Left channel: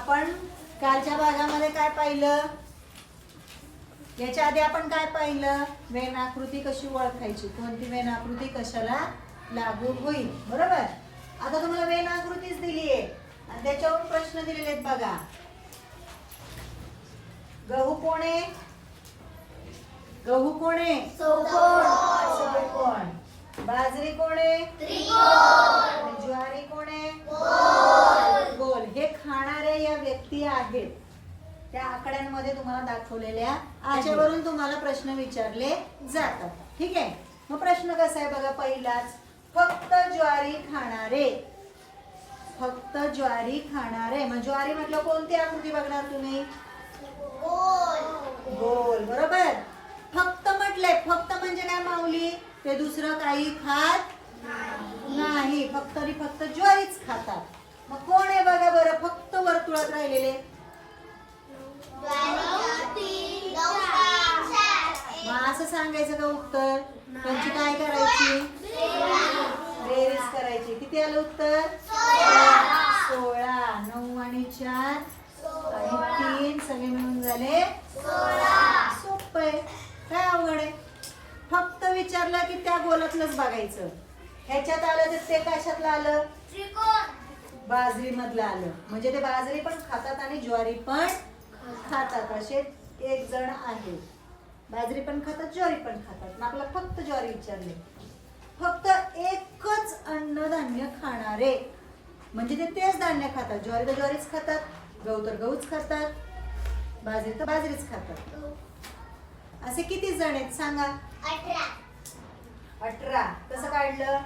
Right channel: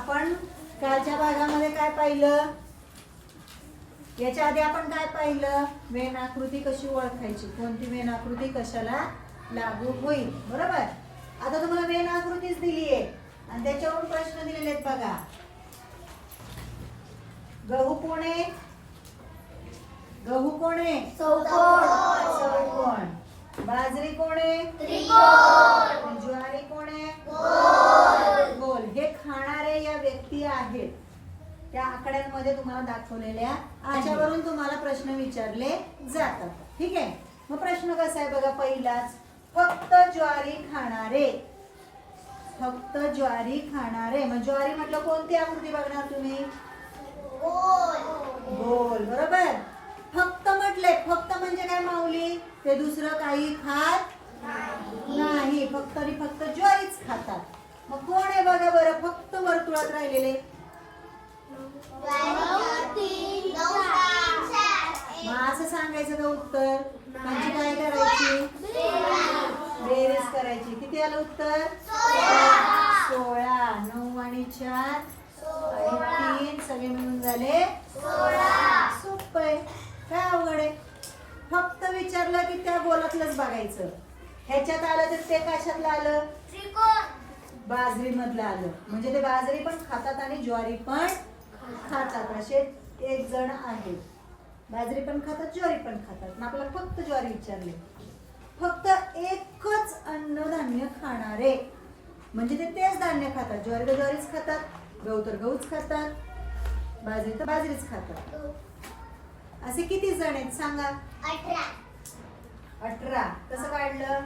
आपण कालच्या भागामध्ये काय पाहिलं? याच्या आधी आपण काय पाहिलं? वेन आकृती कशी ओळखायची? कोणती वेन आकृती कशाला लागू होईल? बरोबर? आता तुम्हाला वेन आकृतीच दिली आहे आणि त्याच्यावर प्रश्न दिलेले आहेत बघा. गहू कोणे? गहू कोणे? चौकोन बाजरी कोणे? ज्वारी कोणे? गोल. हे खाणारे या व्यक्ती आहेत. त्या आकड्यांमध्ये तुम्हाला दाखवलेल्या त्याच्यावरून तुम्हाला प्रश्न विचारले जातात. ठीक आहे? मग प्रश्न कसा आहे बघा पहिलाच. फक्त ज्वारी खाणारे. फक्त ज्वारी खाणारे. मग ज्वारी म्हटलं कोणती आकृती बघणार तुम्ही? गोल. बरोबर? फक्त म्हटलंय. फक्त म्हणजे काय माऊली? ते दुसरं काही खात नाही. फक्त आणि फक्त ज्वारीच खातात. मग कोण आहे बघा बरं? फक्त वर्तुळात राहिलेले. मग असं सांगायचं का उत्तर? त्यांची काय करायची? बेरीज करायची. किती आलं उत्तर? सोळा. नऊ आणि चार आणि तीन सगळे मिळून झाले सोपं आहे. काय अवघड आहे? फक्त विचारलं की त्या गोलातलंच बघायचं. ह्याच्यात आलं तर ते कशातलं आलं? बाजरी मधलं आलं. म्हणजे ते बाजरी पण खातात आणि ज्वारी पण खातात. असे एक जण आहेत बाजरी पण खातात ज्वारी पण खातात. आपल्याला फक्त ज्वारी विचारले. फक्त एकच अन्नधान्य खाणारे. म्हणजे ते तेच धान्य खातात. ज्वारी तर ज्वारीच खातात गहू तर गहूच खातात बाजरी तर बाजरीच खातात. असे किती जण आहेत? सांगा. अठरा. कसं काढलं?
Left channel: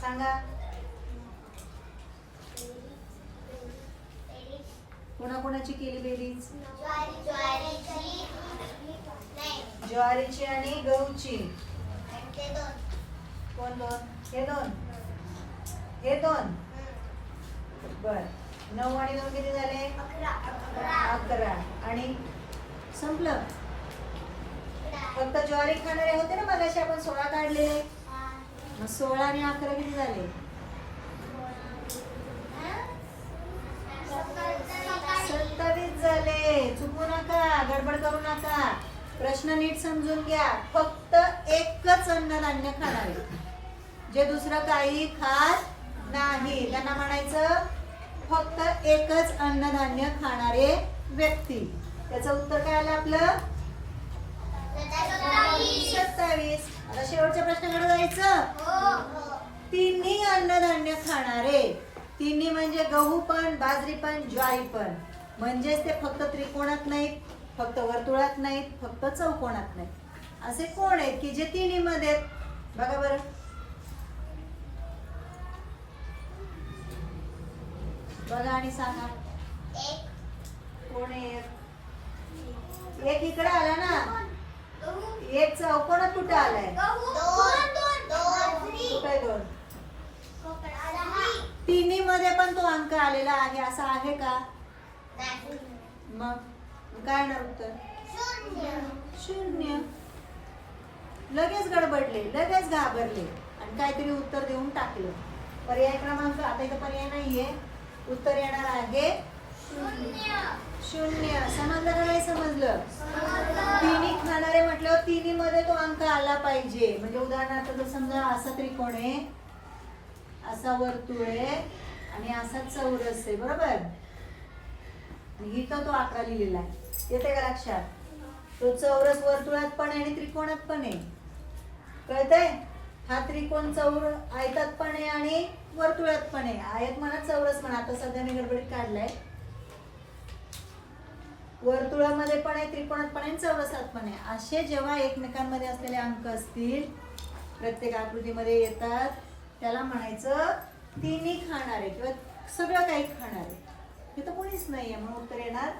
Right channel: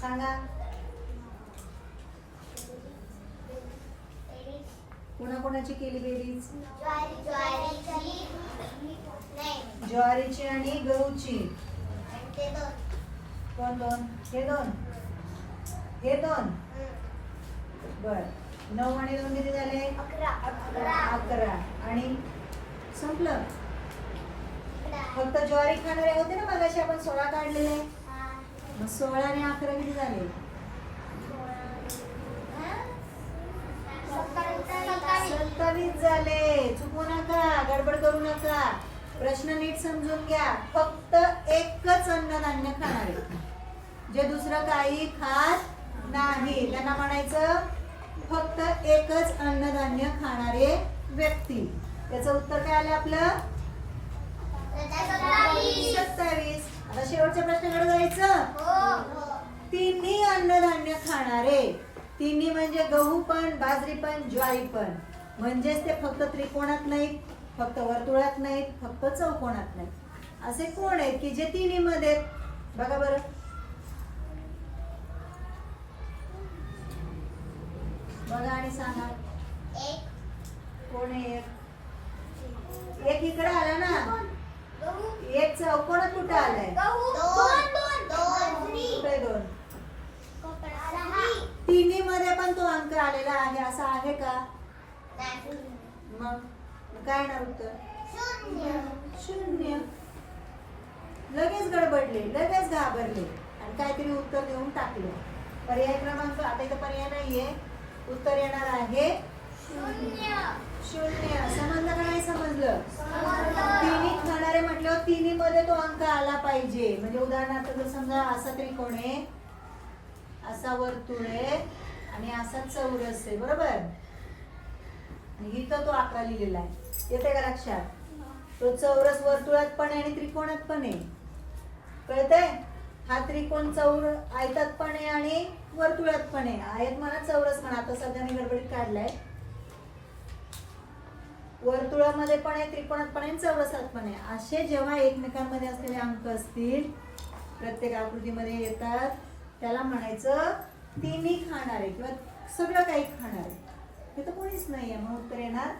सांगा. कोणाकोणाची केली बेरीज? ज्वारीची आणि गहूची. कोण दोन? हे दोन. हे दोन. बर. नऊ आणि दोन किती झाले? अकरा. आणि संपलं. फक्त ज्वारी खाणारे होते ना मगाशी आपण सोळा काढलेले? मग सोळा आणि अकरा किती झाले? सत्तावीस झाले. चुकू नका गडबड करू नका. प्रश्न नीट समजून घ्या. फक्त एकच अन्नधान्य खाणारे जे दुसरं काही खात नाही. त्यांना म्हणायचं फक्त एकच अन्नधान्य खाणारे व्यक्ती. त्याचं उत्तर काय आलं आपलं? सत्तावीस. आता शेवटच्या प्रश्नाकडे जायचं? तिन्ही अन्नधान्य खाणारे. तिन्ही म्हणजे गहू पण बाजरी पण ज्वारी पण. म्हणजेच ते फक्त त्रिकोणात नाहीत फक्त वर्तुळात नाहीत फक्त चौकोनात नाहीत. असे कोण आहेत की जे तिन्ही मध्ये? बघा बरं. बघा आणि सांगा कोण आहे एक? एक इकडे आला ना कोणा कुठे आलाय? कुठे दोन? तिन्ही मध्ये पण तो अंक आलेला आहे असा आहे का? मग? मग काय येणार उत्तर? शून्य. लगेच गडबडले लगेच घाबरले. आणि काहीतरी उत्तर देऊन टाकलं. पर्याय क्रमांक आता इथं पर्याय नाहीये. उत्तर येणार आहे. शून्य. समजलं का नाही समजलं? तिन्ही खाणारे म्हटल्यावर तिन्ही मध्ये तो अंक आला पाहिजे. म्हणजे उदाहरणार्थ जर समजा असं त्रिकोण आहे असा वर्तुळ आहे आणि असा चौरस आहे बरोबर? आणि इथं तो आकडा लिहिलेला आहे. येते का लक्षात? तो चौरस वर्तुळात पण आहे आणि त्रिकोणात पण आहे. कळतंय? हा त्रिकोण चौर आयतात पण आहे आणि वर्तुळात पण आहे. आयत म्हणा चौरस म्हणा आता सध्या मी गडबडीत काढलाय. वर्तुळामध्ये पण आहे त्रिकोणात पण आहे चौरसात पण आहे. असे जेव्हा एकमेकांमध्ये असलेले अंक असतील प्रत्येक आकृतीमध्ये येतात. त्याला म्हणायचं तिन्ही खाणारे किंवा सगळं काही खाणारे हे तर कोणीच नाही आहे मग उत्तर येणार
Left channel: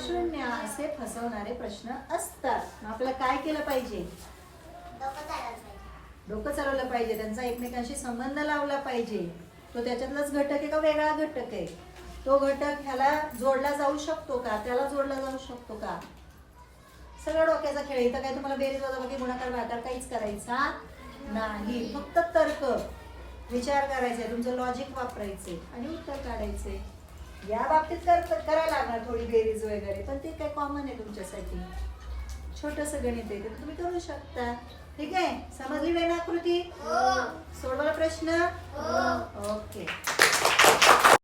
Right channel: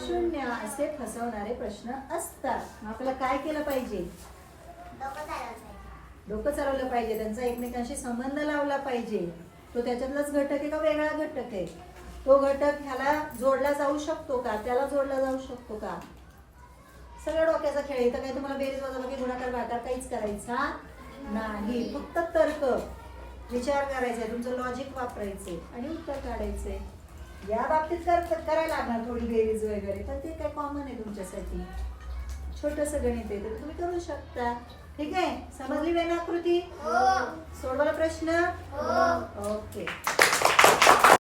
शून्य. असे फसवणारे प्रश्न असतात. मग आपल्याला काय केलं पाहिजे. डोकं चालवलं पाहिजे. त्यांचा एकमेकांशी संबंध लावला पाहिजे. तो त्याच्यातलाच घटक आहे का वेगळा घटक आहे? तो घटक ह्याला जोडला जाऊ शकतो का? त्याला जोडला जाऊ शकतो का? सगळं डोक्याचा खेळ. इथं काही तुम्हाला बेरीज वजाबाकी गुणाकार भागाकार काहीच करायचा नाही. फक्त तर्क. विचार करायचा तुमचं लॉजिक वापरायचंय आणि उत्तर काढायचंय या बाबतीत कर करायला लागणार थोडी बेरीज वगैरे पण ते काय कॉमन आहे तुमच्यासाठी. छोटस गणित आहे तर तुम्ही करू शकता. ठीक आहे? समजली वेळ आकृती? सोडवायला प्रश्न? ओके.